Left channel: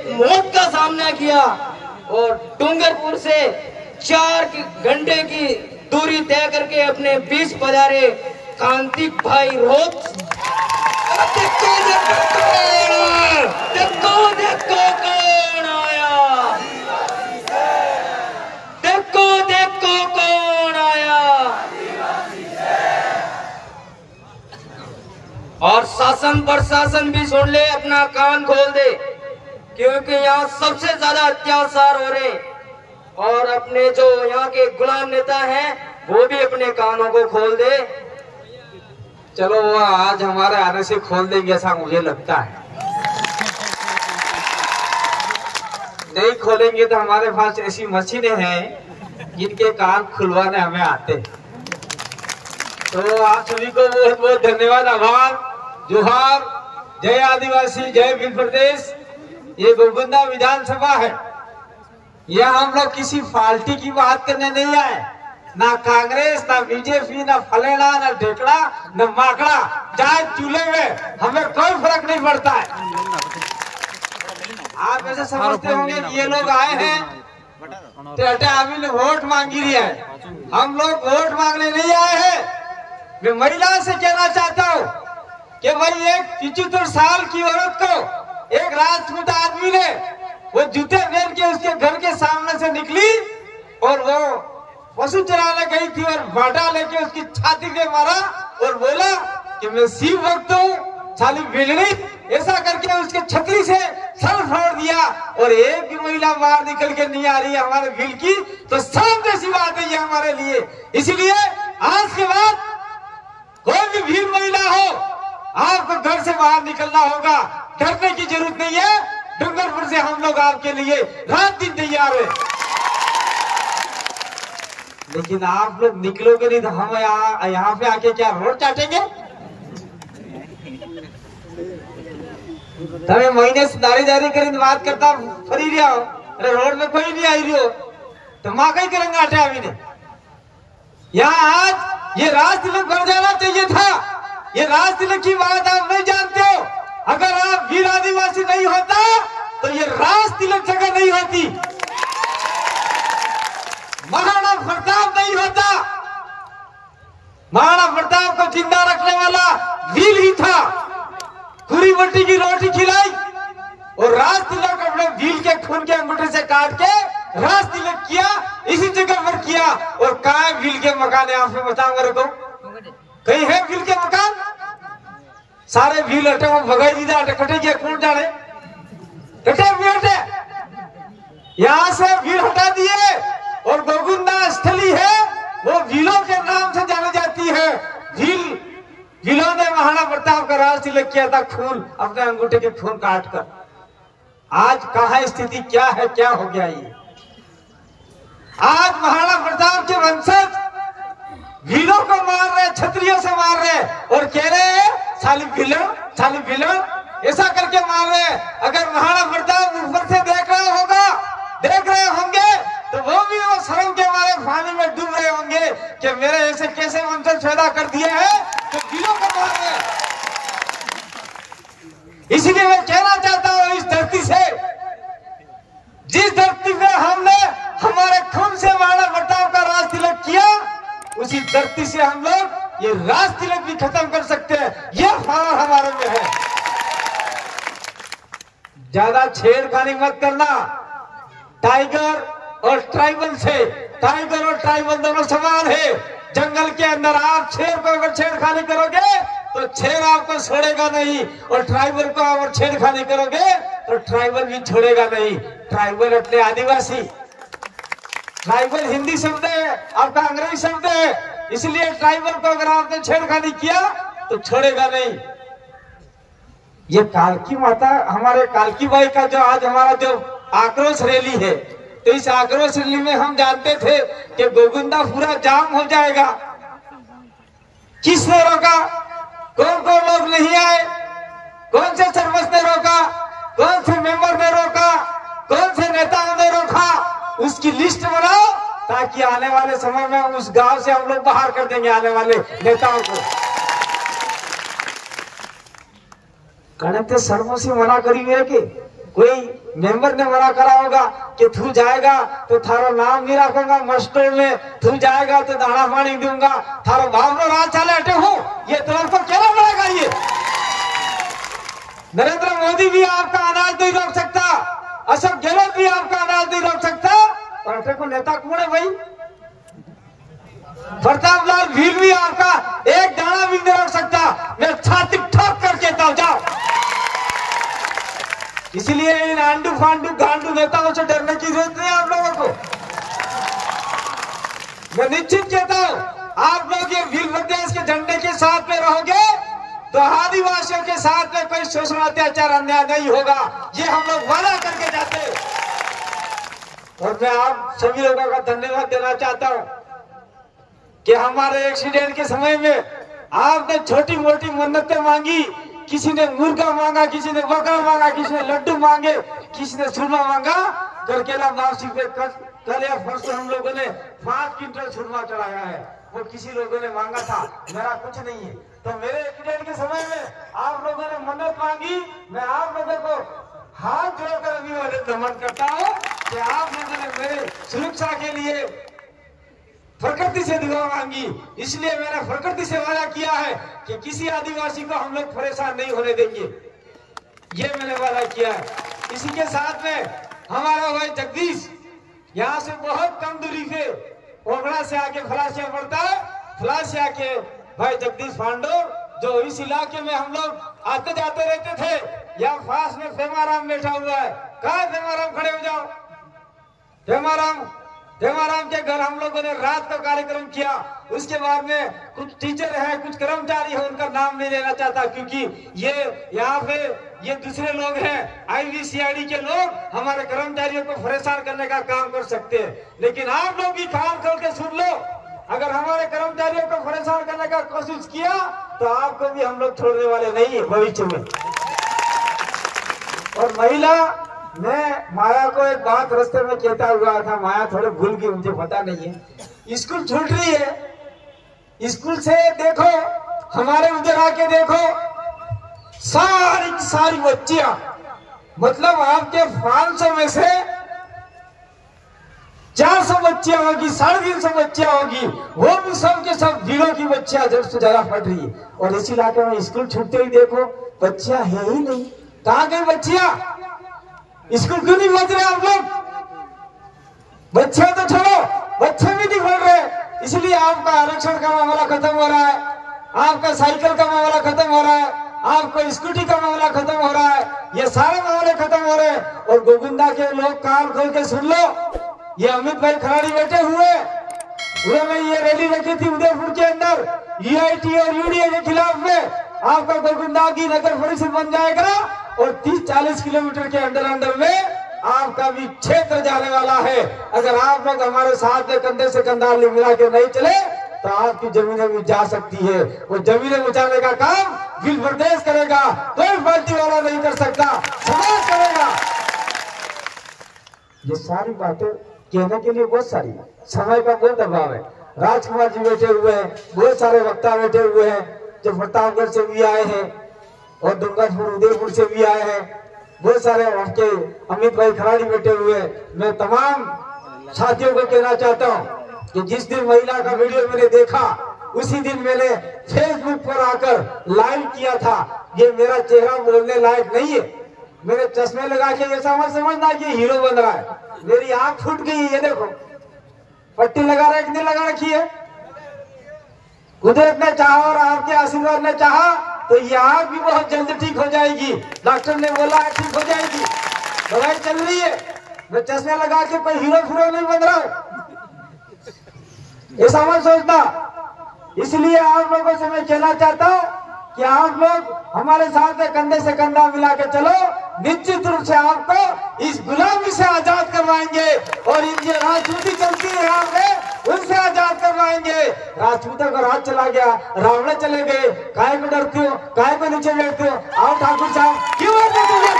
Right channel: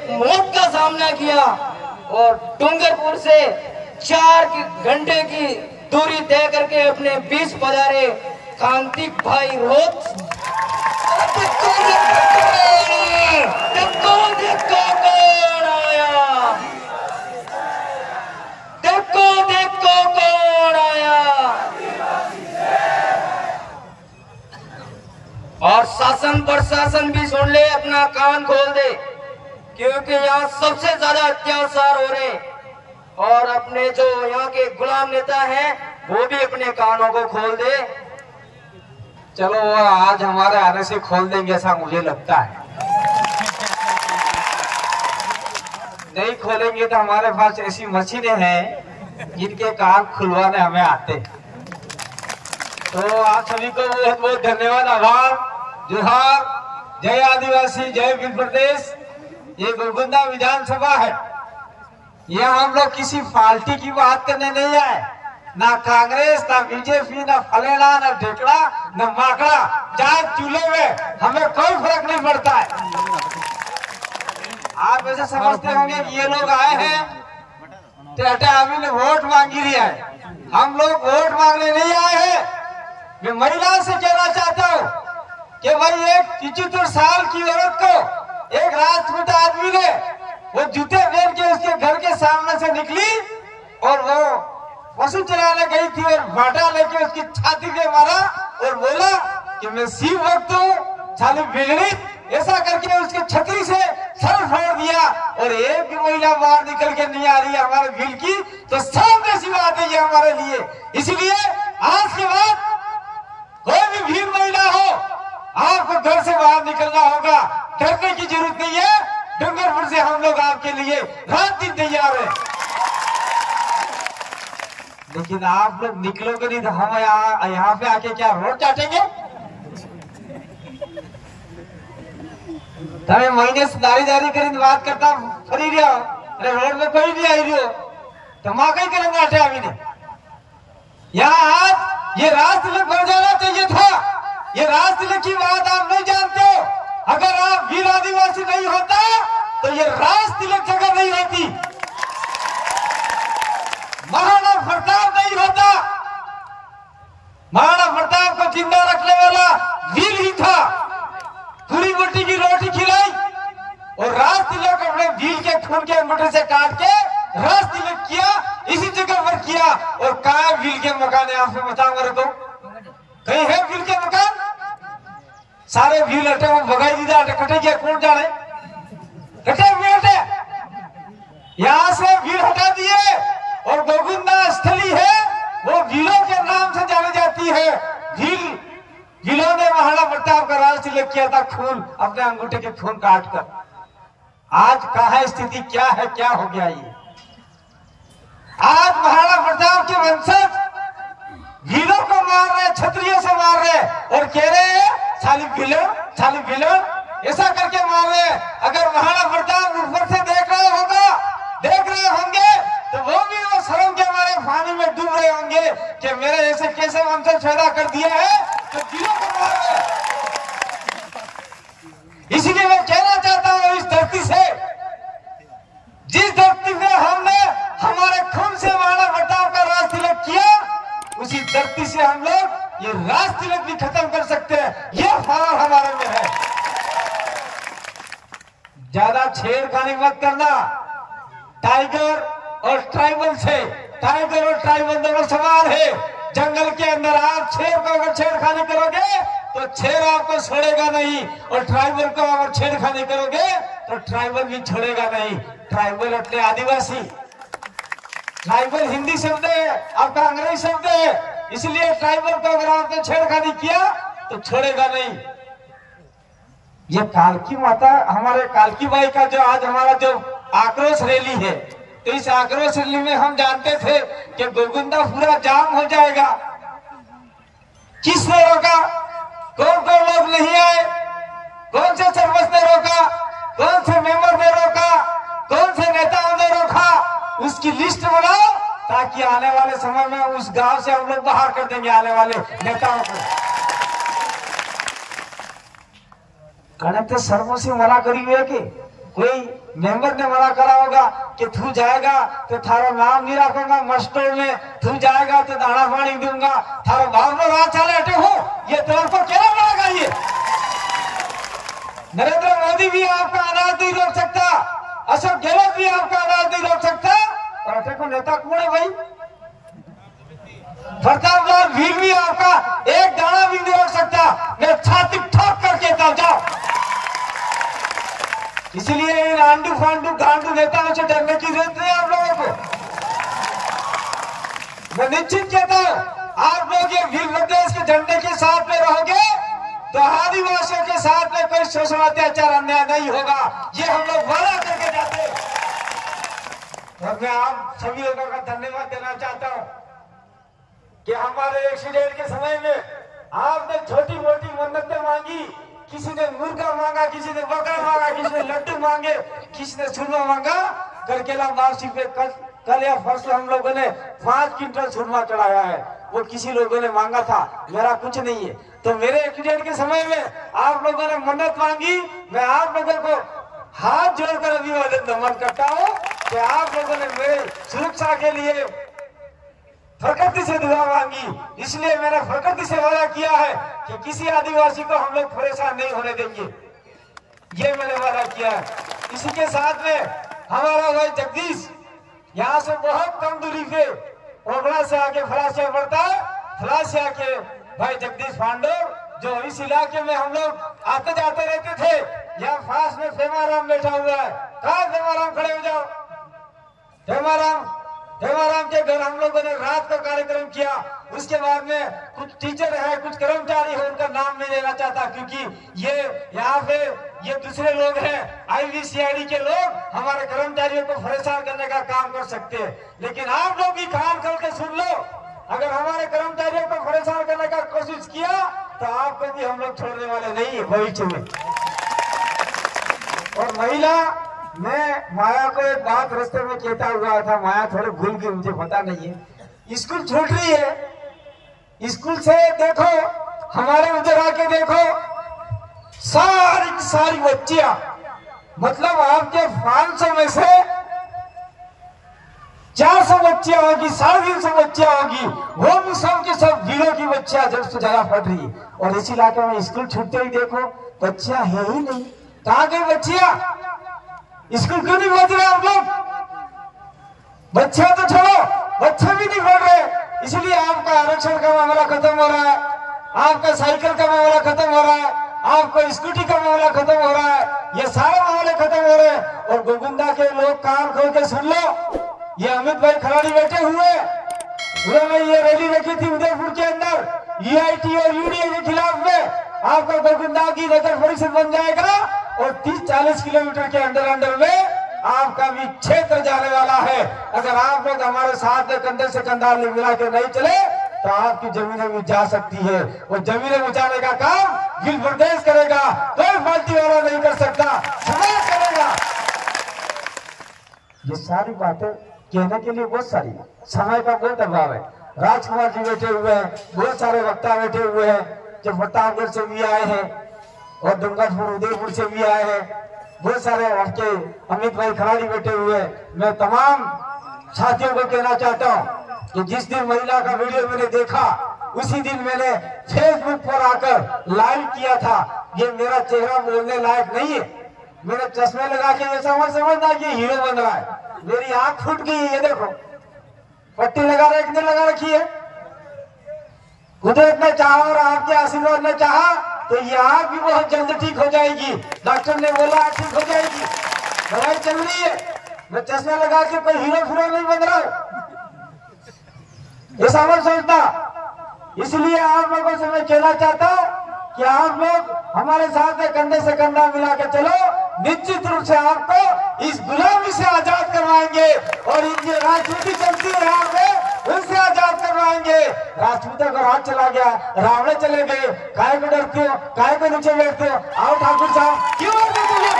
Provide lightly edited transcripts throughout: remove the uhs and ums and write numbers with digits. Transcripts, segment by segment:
एक मौत का सामना किया और डूंगरपुर से 4 घंटे की दूरी तय करके अपने बीच पधारे कांतिक भाई रोज। देखो कौन आया, देखो कौन आया। और शासन प्रशासन भी सुन ले, अपना कान खोल दे, क्योंकि यहाँ सबसे ज्यादा अत्याचार हो रहे। और अपने जो यहाँ के गुलाम नेता हैं वो भी अपने कानों को खोल दे। चलो वो आज हमारे आने से खोल देंगे ऐसा मुझे लगता है। नहीं खोलेंगे तो हमारे पास ऐसी मशीनें हैं जिनके कान खुलवाने हमें आते हैं। तो आप सभी को बहुत बहुत धन्यवाद, आभार, जोहार, जय आदिवासी, जय भील प्रदेश। ये गोलकुंडा विधानसभा है, यहाँ हम लोग किसी पार्टी की बात करने नहीं आए, ना कांग्रेस, ना बीजेपी, ना फलेना, ना ढेकड़ा, ना माकड़ा, चाहे चूल्हे में हमें कोई फर्क नहीं पड़ता है। आप ऐसे समझते होंगे कि ये लोग आए हैं तो अटे अभी ने वोट मांगी रही है। हम लोग वोट मांगने नहीं आए हैं। मैं महिला से कहना चाहता हूँ कि भाई एक 75 साल की औरत को एक राजपूत आदमी ने वो जूते पहन के उसके घर के सामने से निकली और वो पशु चराने गई थी और बाटा लेके उसकी छाती पे मारा और बोला कि मैं शिव भक्त हूँ, साली बिगड़ी, ऐसा करके उसके छतरी से सर फोड़ दिया। और एक भी महिला बाहर निकल के नहीं आ रही है हमारे भील की, तो शर्म जैसी बात है ये हमारे लिए। इसलिए आज के बाद कोई भी भील महिला हो, आपको घर से बाहर निकलना होगा, डरने की जरूरत नहीं है। डूंगरपुर से हम लोग आपके लिए रात दिन तैयार है। लेकिन आप लोग निकलोगे नहीं तो हम यहाँ पे आके क्या रोड चाटेंगे? तमें महीने से दारी करीने बात करता फरी रहा हो, अरे रोड में कोई नहीं आई रही हो तो माँ कहीं करेंगे आटे अभी ने। यहाँ आज ये राजतिलक बन जाना चाहिए था। ये राजतिलक की बात आप नहीं जानते हो। अगर आप वीर आदिवासी नहीं होता तो ये राजतिलक जगह नहीं होती, महाराणा प्रताप नहीं होता। महाराणा प्रताप को जिंदा रखने वाला वीर ही था। पूरी मट्टी की रोटी खिलाई और राजतिलक अपने वीर के खून के अंगूठे से काट के राजतिलक किया, इसी जगह पर किया। और कहाँ है वीर के मकान? आपसे बताओ मेरे को, कहीं है वीर के मकान? सारे वीर हटे भगाई दी जाए, कटे गया कौन जाने, कटे हुए हटे। यहाँ से वीर हटा दिए और गोलकुंडा स्थली है वो वीरों के नाम से जानी जाती है। वीरों ने महाराणा प्रताप का राजतिलक किया था, खून अपने अंगूठे के खून काट कर। आज कहाँ स्थिति क्या है, क्या हो गया ये? आज महाराणा प्रताप के वंशज वीरों को मार रहे, क्षत्रियों से मार रहे और कह रहे हैं साली विलन, ऐसा करके मार रहे। अगर महाराणा प्रताप ऊपर से देख रहे होंगे तो वो भी वो शर्म के मारे पानी में डूब रहे होंगे कि मेरे ऐसे कैसे वंशज पैदा कर दिए हैं कि वीरों को मार रहे। इसलिए मैं कहना चाहता हूँ इस धरती से, जिस धरती में हमने हमारे खून से महाराणा प्रताप का राजतिलक किया, उसी धरती से हम लोग ये राजतिलक भी खत्म कर सकते हैं। यह फौरन हमारे में है। ज्यादा छेड़खानी मत करना टाइगर और ट्राइबल से। टाइगर और ट्राइबल दोनों समान है। जंगल के अंदर आप शेर को अगर छेड़खानी करोगे तो शेर आपको छोड़ेगा नहीं, और ट्राइबल को अगर छेड़खानी करोगे तो ट्राइबल भी छोड़ेगा नहीं। ट्राइबल अपने आदिवासी, ट्राइबल हिंदी शब्द है, आपका अंग्रेजी शब्द है, इसलिए ट्राइबल को अगर आपने छेड़खानी किया तो छोड़ेगा नहीं। ये कालकी माता, हमारे कालकी बाई का जो आज हमारा जो आक्रोश रैली है, तो इस आक्रोश रैली में हम जानते थे कि गोलकुंडा पूरा जाम हो जाएगा। किसने रोका? कौन कौन लोग नहीं आए? कौन से सरपंच ने रोका? कौन से मेंबर ने रोका? कौन से नेताओं ने रोका? उसकी लिस्ट बनाओ ताकि आने वाले समय में उस गांव से हम लोग बाहर कर देंगे आने वाले नेताओं को। कणक शर्मों से मना करी हुई है कि कोई मेंबर ने मना करा होगा कि तू जाएगा तो थारा नाम नहीं रखूंगा मस्टों में, तू जाएगा तो दाना पानी दूंगा, थारा बाप राज चले हटे हो, ये तेरे को क्या बनाएगा? ये नरेंद्र मोदी भी आपका अनाज नहीं रोक सकता, अशोक गहलोत भी आपका अनाज नहीं रोक सकता, और अटे को नेता कौन है भाई? प्रताप लाल भील भी आपका एक दाना भी नहीं रोक सकता। मैं छाती ठोक कर कहता हूं, जाओ। इसलिए इन आंडू फांडू गांडू नेताओं से डरने की जरूरत नहीं आप लोगों को। मैं निश्चित कहता हूं, आप लोग ये भील प्रदेश के झंडे के साथ में रहोगे तो आदिवासियों के साथ में कोई शोषण अत्याचार अन्याय नहीं होगा, ये हम लोग वादा करके जाते। और मैं आप सभी लोगों का धन्यवाद देना चाहता हूं कि हमारे एक्सीडेंट के समय में आपने छोटी मोटी मन्नतें मांगी, किसी ने मुर्गा मांगा, किसी ने बकरा मांगा, किसी ने लड्डू मांगे, किसी ने सुरमा मांगा। करकेला वापसी पे कल या परसों हम लोगों ने 5 क्विंटल सुरमा चढ़ाया है, वो किसी लोगों ने मांगा था, मेरा कुछ नहीं है। तो मेरे एक्सीडेंट के समय में आप लोगों ने मन्नत मांगी, मैं आप लोगों को हाथ जोड़कर अभिवादन नमन करता हूँ कि आप लोगों ने मेरे सुरक्षा के लिए प्रकृति से दुआ मांगी, इसलिए मैंने प्रकृति से वादा किया है कि किसी आदिवासी को हम लोग परेशान नहीं होने देंगे, ये मैंने वादा किया है। इसी के साथ में हमारा भाई जगदीश यहाँ से बहुत कम दूरी पे ओबड़ा से आके फलासिया पड़ता है, फलासिया के भाई जगदीश पांडो जो इस इलाके में हम लोग आते जाते रहते थे, यहाँ पास में फेमाराम बैठा हुआ है, कहा फेमाराम खड़े हो जाओ। देवाराम के घर हम लोगों ने रात का कार्यक्रम किया। उसके बाद में कुछ टीचर है, कुछ कर्मचारी है, उनका नाम नहीं लेना चाहता क्योंकि ये यहाँ पे ये दूसरे लोग हैं, IVCID के लोग हमारे कर्मचारियों को परेशान करने का काम कर सकते हैं। लेकिन आप लोग भी कान खोल के सुन लो, अगर हमारे कर्मचारियों को परेशान करने का कोशिश किया तो आपको भी हम लोग छोड़ने वाले नहीं है भविष्य में। और महिला, मैं माया को एक बात रास्ते में कहता हुआ था, माया थोड़े भूल गई, मुझे पता नहीं है। स्कूल छूट रही है, स्कूल से देखो हमारे उधर आके देखो सारी बच्चियां, मतलब आपके 500 में से 400 बच्चियां होगी, 350 बच्चियां होगी, वो भी सब के सब जीरो की बच्चियां जब से ज्यादा पढ़ रही है। और इसी इलाके में स्कूल छूटते ही देखो बच्चियां है ही नहीं, कहाँ गई बच्चियां? स्कूल क्यों नहीं पहुंच रहे आप लोग? बच्चे तो छोड़ो, बच्चे भी नहीं पढ़ रहे। इसलिए आपका आरक्षण का मामला खत्म हो रहा है, आपका साइकिल का मामला खत्म हो रहा है, आपको स्कूटी का मामला खत्म हो रहा है, ये सारे मामले खत्म हो रहे हैं। और गोविंदा के लोग कान खोल के सुन लो, ये अमित भाई खराड़ी बैठे हुए, उन्होंने ये रैली रखी थी उदयपुर के अंदर EIT और UDA के खिलाफ में। आपका गोविंदा की नगर परिषद बन जाएगा और 30-40 किलोमीटर के अंदर में आपका भी क्षेत्र जाने वाला है। अगर आप लोग हमारे साथ में कंधे से कंधा मिला के नहीं चले तो आपकी जमीनें भी जा सकती है। वो जमीनें बचाने का काम भील प्रदेश करेगा, कोई पार्टी वाला नहीं कर सकता, समाज करेगा। ये सारी बातें कहने के लिए बहुत सारी, समय का बहुत अभाव है। राजकुमार जी बैठे हुए हैं, बहुत सारे वक्ता बैठे हुए हैं जो प्रतापगढ़ से भी आए हैं और डूंगरपुर उदयपुर से भी आए हैं, बहुत सारे आपके अमित भाई खराड़ी बैठे हुए हैं। मैं तमाम साथियों को कहना चाहता हूँ कि जिस दिन महिला का वीडियो मैंने देखा उसी दिन मैंने फेसबुक पर आकर लाइव किया था। ये मेरा चेहरा बोलने लायक नहीं है, मेरे चश्मे लगा के ऐसा मत समझना कि हीरो बन रहा है। मेरी आंख फूट गई है, ये देखो पट्टी लगा रखने लगा रखी है। कुदरत ने चाहा और आपके आशीर्वाद ने चाहा तो ये आंख भी बहुत जल्द ठीक हो जाएगी। डॉक्टर ने बोला ठीक हो जाएगी, दवाई चल रही है। मैं चश्मा लगा के कोई हीरो फिरो नहीं बन रहा हूं, ऐसा मत सोचना। इसलिए आप लोगों से मैं कहना चाहता हूं कि आप लोग हमारे साथ में कंधे से कंधा मिला के चलो, निश्चित रूप से आपको इस गुलामी से आजाद करवाएंगे और ये राजनीति चलती है यहाँ पे उनसे आजाद करवाएंगे। राजपूतों का राज चला गया, रावण चले गए, काय को डरते हो, काय को नीचे बैठते हो? आओ ठाकुर साहब, क्यों डरते हो?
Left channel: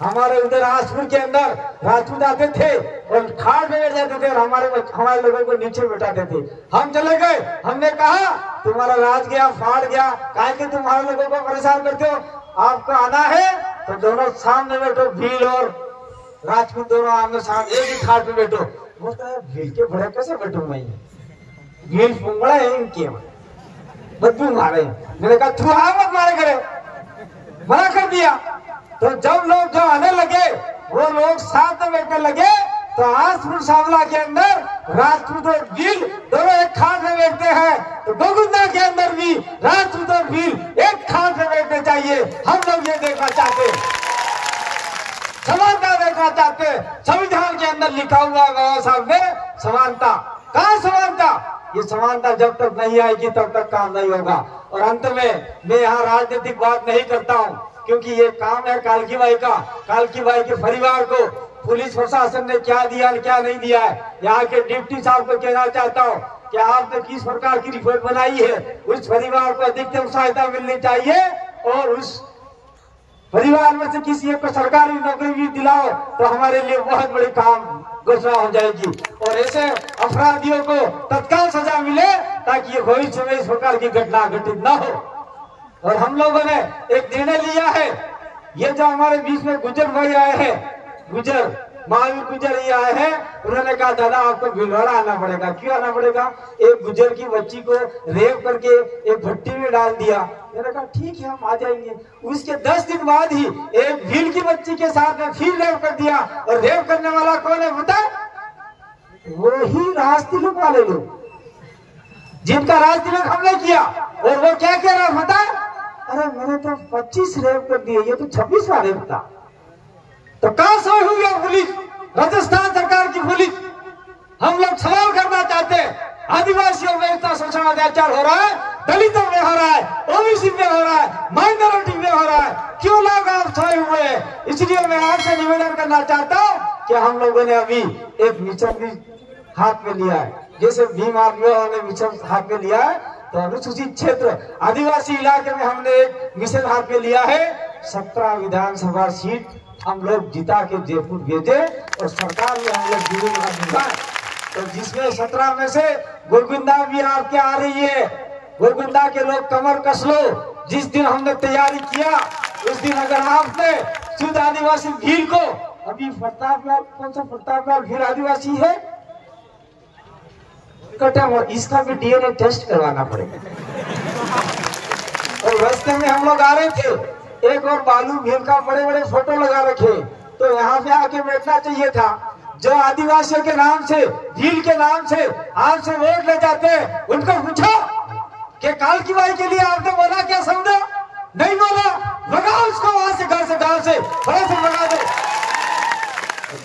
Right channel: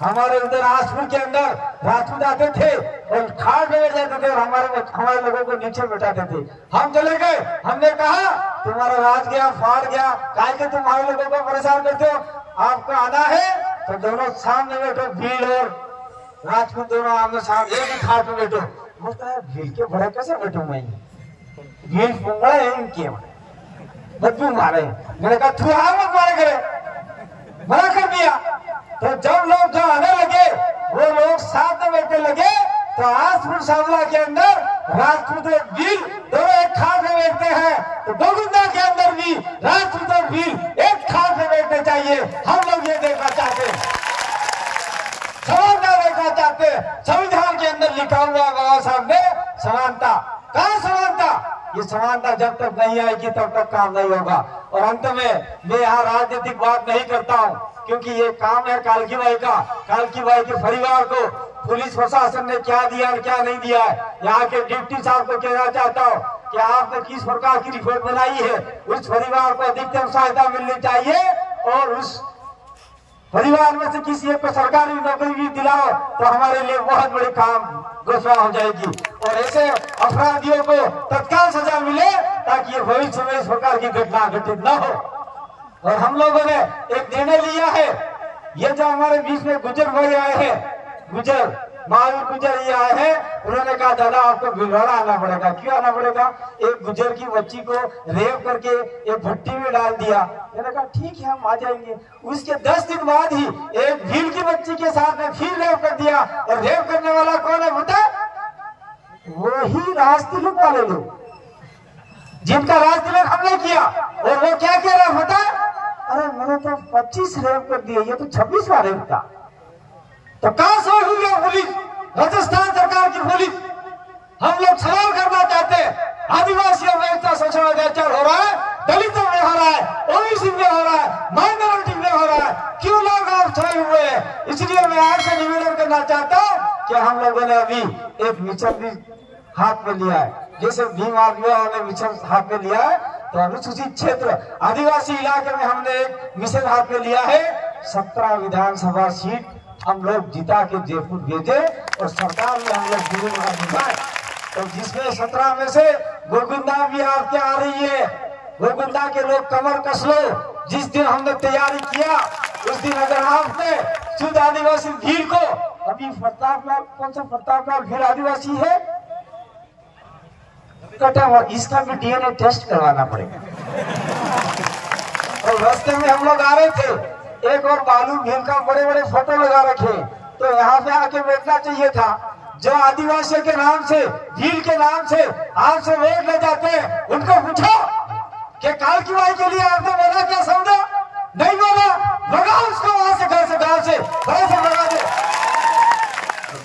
हमारे उधर राजपुर के अंदर राजपूत आते थे और खाट बैठ जाते थे और हमारे लोगों को नीचे बैठाते थे। हम चले गए, हमने कहा तुम्हारा राज गया, फाड़ गया, काहे के तुम्हारे लोगों को परेशान करते हो? आपको आना है तो दोनों सामने बैठो, भील और राजपूत दोनों आमने सामने एक ही खाट में बैठो। बोलता है भील के बड़े कैसे बैठू मैं, भील पुंगड़ा है इनके बदबू मारे। मैंने कहा तू आ मत मारे करे, मना कर दिया। तो जब लोग जो आने लगे वो लोग साथ में बैठने लगे, तो आसपुर सावला के अंदर राजपूत और भील दोनों एक खाट में बैठते हैं, तो गोविंदा के अंदर भी राजपूत और भील एक खाट में बैठने चाहिए। हम लोग ये देखना चाहते, समानता देखना चाहते। संविधान के अंदर लिखा हुआ है बाबा साहब ने समानता। कहाँ समानता? ये समानता जब तक नहीं आएगी तब तक काम नहीं होगा। और अंत में मैं यहाँ राजनीतिक बात नहीं करता हूँ, क्योंकि ये काम है कालकी बाई का। कालकी बाई के परिवार को पुलिस प्रशासन ने क्या दिया और क्या नहीं दिया है, यहाँ के डिप्टी साहब को कहना चाहता हूँ कि आपने किस प्रकार की रिपोर्ट बनाई है, उस परिवार को अधिकतम सहायता मिलनी चाहिए और उस परिवार में से किसी एक को सरकारी नौकरी भी दिलाओ तो हमारे लिए बहुत बड़ी काम घोषणा हो जाएगी। और ऐसे अपराधियों को तत्काल सजा मिले ताकि ये भविष्य में इस प्रकार की घटना घटित न हो। और हम लोगों ने एक निर्णय लिया है, ये जो हमारे बीच में गुजर भाई आए हैं, गुजर महावीर गुजर ये आए हैं, उन्होंने कहा दादा आपको भिलवाड़ा आना पड़ेगा। क्यों आना पड़ेगा? एक गुजर की बच्ची को रेप करके एक भट्टी में डाल दिया। मैंने कहा ठीक है हम आ जाएंगे। उसके 10 दिन बाद ही एक भील की बच्ची के साथ में फिर रेप कर दिया। और रेप करने वाला कौन है बता? वही राजतिलक वाले लोग जिनका राजतिलक हमने किया। और वो क्या कह रहा बता? अरे मैंने तो 25 रेप कर दिए, ये तो 26वां रेप था। तो कहां से हुई है पुलिस? राजस्थान सरकार की पुलिस। हम लोग सवाल करना चाहते हैं, आदिवासियों में इतना शोषण अत्याचार हो रहा है, दलितों में हो रहा है, ओबीसी में हो रहा है, माइनॉरिटी में हो रहा है, क्यों लोग आप छाए हुए हैं? इसलिए मैं आपसे निवेदन करना चाहता हूँ कि हम लोगों ने अभी एक मिशन भी हाथ में लिया है, जैसे भीम आर्मियों ने मिशन हाथ में लिया है, तो अनुसूचित क्षेत्र आदिवासी इलाके में हमने एक मिशन हाथ में लिया है। 17 विधानसभा सीट हम लोग जिता के जयपुर भेजे और सरकार में हम लोग जुड़े, तो जिसमें 17 में से गोविंदा भी आपके आ रही है। गोविंदा के लोग कमर कस लो, जिस दिन हमने तैयारी किया उस दिन अगर आपने शुद्ध आदिवासी भील को, अभी प्रतापलाल कौन सा प्रतापलाल भील आदिवासी है कटा हुआ, इसका भी डीएनए टेस्ट करवाना पड़ेगा। और रास्ते में हम लोग आ रहे थे, एक और बालू भील का बड़े बड़े फोटो लगा रखे, तो यहाँ पे आके बैठना चाहिए था। जो आदिवासियों के नाम से, भील के नाम से आपसे वोट ले जाते हैं, उनको पूछो कि कालकी बाई के लिए आपने बोला क्या? समझा नहीं बोला? भगा उसको वहां से, घर से, गांव से भगा दे।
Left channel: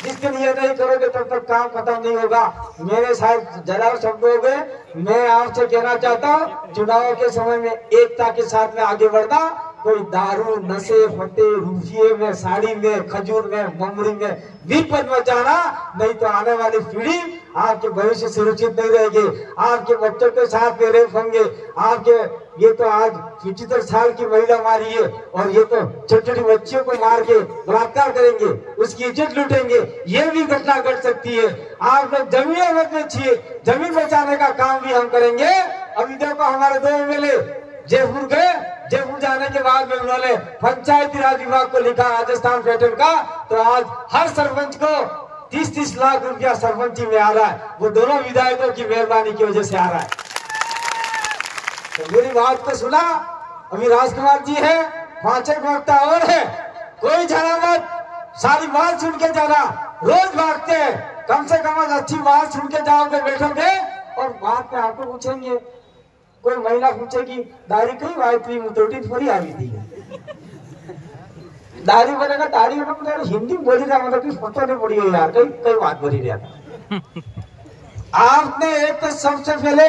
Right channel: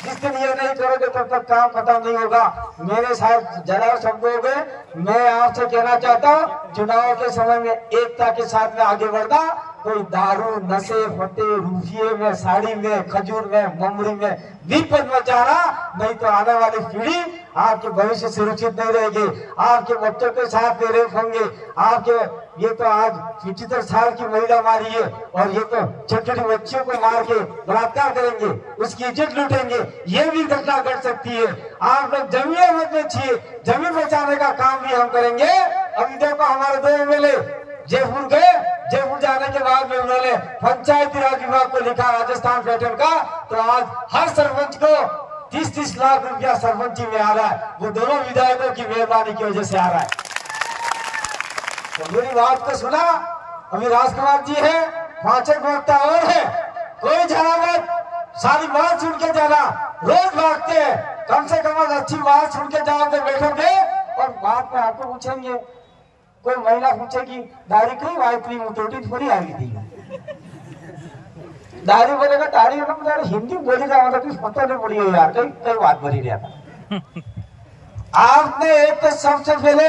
जिस दिन ये नहीं करोगे तब तक काम खत्म नहीं होगा। मेरे साथ जरा शब्दों में मैं आपसे कहना चाहता हूँ, चुनाव के समय में एकता के साथ में आगे बढ़ना। कोई दारू, नशे, फटे, रूफिये में, साड़ी में, खजूर में, ममरी में विपद मचाना, नहीं तो आने वाली पीढ़ी आपके भविष्य सुरक्षित नहीं रहेगी। आपके बच्चों के साथ में रेप होंगे। आपके ये तो आज 75 साल की महिला मारी है और ये तो छोटी छोटी बच्चियों को मार के बलात्कार करेंगे, उसकी इज्जत लूटेंगे, ये भी घटना घट सकती है। आप लोग जमीन मत बेचिए, जमीन बचाने का काम भी हम करेंगे। अभी देखो हमारे 2 एमएलए जयपुर गए, जयपुर जाने के बाद में उन्होंने पंचायती राज विभाग को लिखा राजस्थान पैटर्न का, तो आज हर सरपंच को 30-30 लाख रुपया सरपंची में आ रहा है। वो दोनों विधायकों की मेहरबानी की वजह से आ रहा है। तो मेरी बात को सुना, अभी राजकुमार जी है, 5-6 वक्ता और है, कोई जाना मत, सारी बात सुन के जाना। रोज भागते हैं, कम से कम अच्छी बात सुन के जाओगे, बैठोगे और बात में आपको पूछेंगे। कोई महिला पूछेगी दाढ़ी कहीं आई थी, मुतोटी थोड़ी आई थी, दाढ़ी बोलेगा दाढ़ी हिंदी बोली का मतलब कि फोटो नहीं पड़ी है यार, कई बात बोली रहा था। आपने एक तो सबसे पहले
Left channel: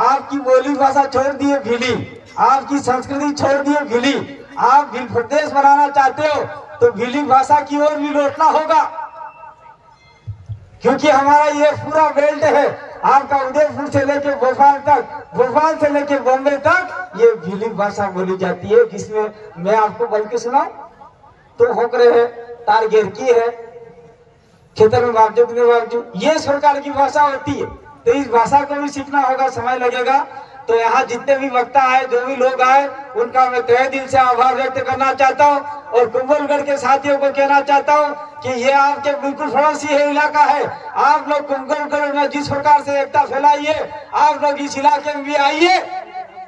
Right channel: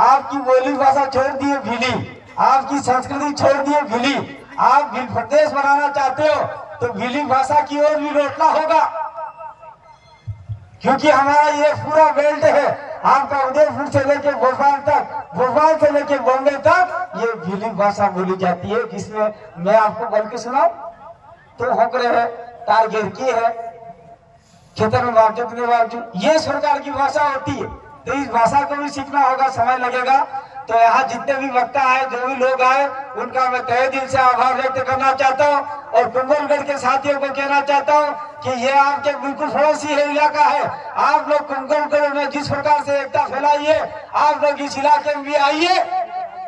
आपकी बोली भाषा छोड़ दिए भीली, आपकी संस्कृति छोड़ दिए भीली। आप भील प्रदेश बनाना चाहते हो तो भीली भाषा की ओर भी लौटना होगा, क्योंकि हमारा ये पूरा बेल्ट है, आपका उदयपुर से लेके भोपाल तक, भोपाल से लेके बॉम्बे तक ये भीली भाषा बोली जाती है। जिसमें मैं आपको बोल के सुनाऊं तो होकरे है, तार घेर की है, खेतर में बावजूद, ये इस प्रकार की भाषा होती है। तो इस भाषा को भी सीखना होगा, समय लगेगा। तो यहाँ जितने भी वक्ता आए, जो भी लोग आए, उनका मैं तहे दिल से आभार व्यक्त करना चाहता हूँ। और कुंभलगढ़ के साथियों को कहना चाहता हूँ कि ये आपके बिल्कुल पड़ोसी है इलाका है। आप लोग कुंभलगढ़ में जिस प्रकार से एकता फैलाइए, आप लोग इस इलाके में भी आइए।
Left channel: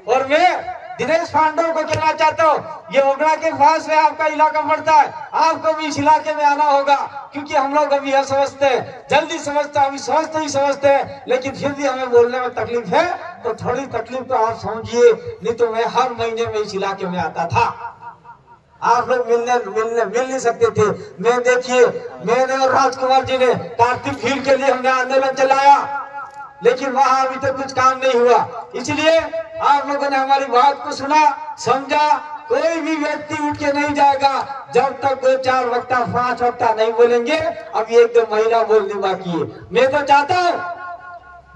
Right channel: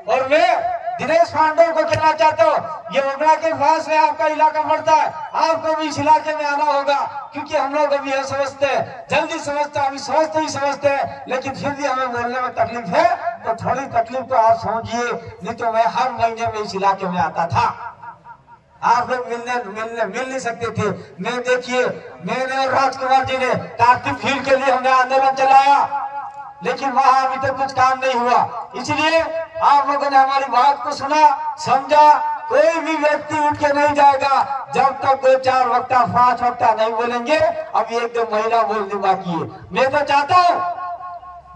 और मैं दिनेश पांडे को कहना चाहता हूँ, ये ओगड़ा के पास में आपका इलाका पड़ता है, आपको भी इस इलाके में आना होगा, क्योंकि हम लोग अभी यह समझते हैं, जल्दी समझते हैं, अभी सोचते ही समझते हैं, लेकिन फिर भी हमें बोलने में तकलीफ है। तो थोड़ी तकलीफ तो आप समझिए, नहीं तो मैं हर महीने में इस इलाके में आता था। आप लोग मिल नहीं सकते थे। मैं देखिए, मैंने और राजकुमार जी ने कार्तिक भीड़ के लिए हमने आंदोलन चलाया, लेकिन वहां अभी तक कुछ काम नहीं हुआ। इसलिए आप लोगों ने हमारी बात को सुना, समझा। कोई भी व्यक्ति उठ के नहीं जाएगा जब तक 2-4 वक्ता 5 वक्ता नहीं बोलेंगे। अभी 1-2 महीना बोलने बाकी है। मैं तो चाहता हूँ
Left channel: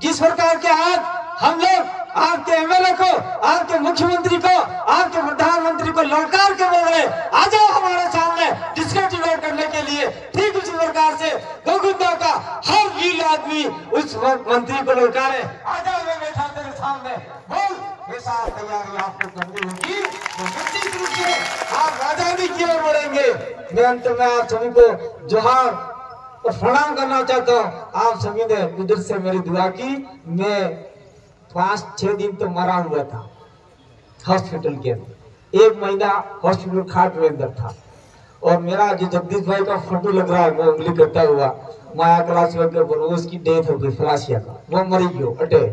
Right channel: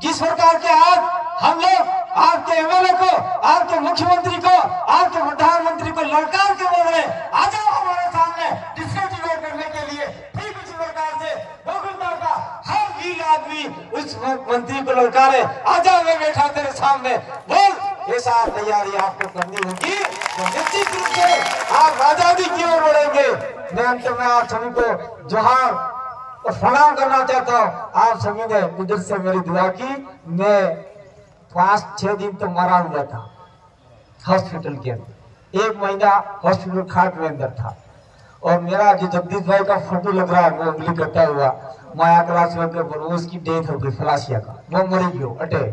जिस प्रकार के आज हम लोग आपके एमएलए को, आपके मुख्यमंत्री को, आपके प्रधानमंत्री को ललकार के बोल रहे, आ जाओ हमारे सामने डिस्कस करने के लिए। ठीक उसी प्रकार से गोविंदा का हर वीर आदमी उस मंत्री को ललकारे, आ जाओ मैं बैठा तेरे सामने, बोल ये साथ तैयारी आपको करनी होगी। निश्चित रूप से आप आजादी की ओर बढ़ेंगे। मैं अंत में आप सभी को जोहार और प्रणाम करना चाहता हूँ। आप सभी ने कुदरत से मेरी दुआ की। मैं 5-6 दिन तो मरा हुआ था हॉस्पिटल के अंदर, 1 महीना हॉस्पिटल खाट में अंदर था। और मेरा जो जगदीश भाई का फोटो लग रहा है वो उंगली करता हुआ माया क्लास में कर, उसकी डेथ हो गई फलासिया का, वो मरी गयो अटे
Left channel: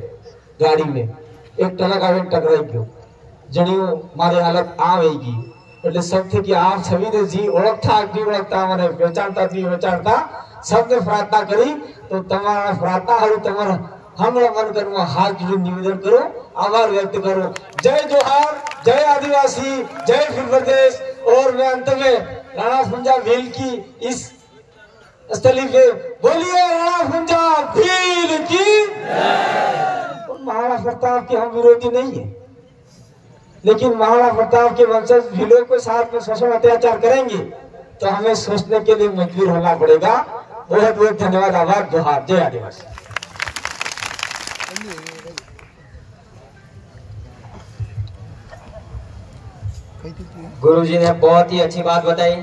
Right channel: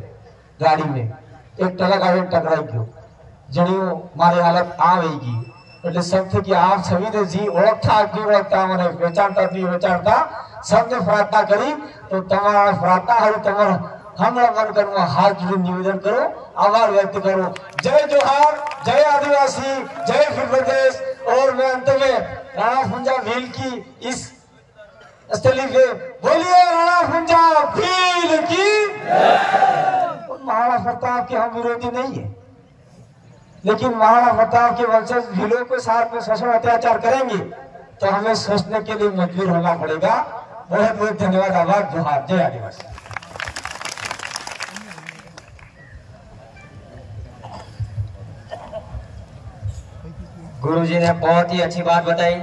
गाड़ी में, एक टला गाड़ी टकराई गयो, जनियो मारे हालत आ गई। એટલે સૌથી કે આપ સવીને જી ઓળખતા ઓળખતા મને વેચાણતા સૌને પ્રાર્થના કરી તો તમારા પ્રાર્થના હરું તમારા हमरा मन करूँ हाथ जोड़ निवेदन करो, आभार व्यक्त करो। जय जोहार, जय आदिवासी, जय फिर प्रदेश। और मैं अंत में राणा फुंजा भील की इस स्थली पे बोलिए राणा फुंजा भील की। महाराणा प्रताप के हम विरोधी नहीं है, लेकिन महाराणा प्रताप के वंशज भीलों के साथ में शोषण अत्याचार करेंगे तो हमें सोचने के लिए मजबूर होना पड़ेगा। बहुत बहुत धन्यवाद, आभार, जोहार, जय आदिवासी। गुरुजी ने बहुत ही अच्छी बात बताई।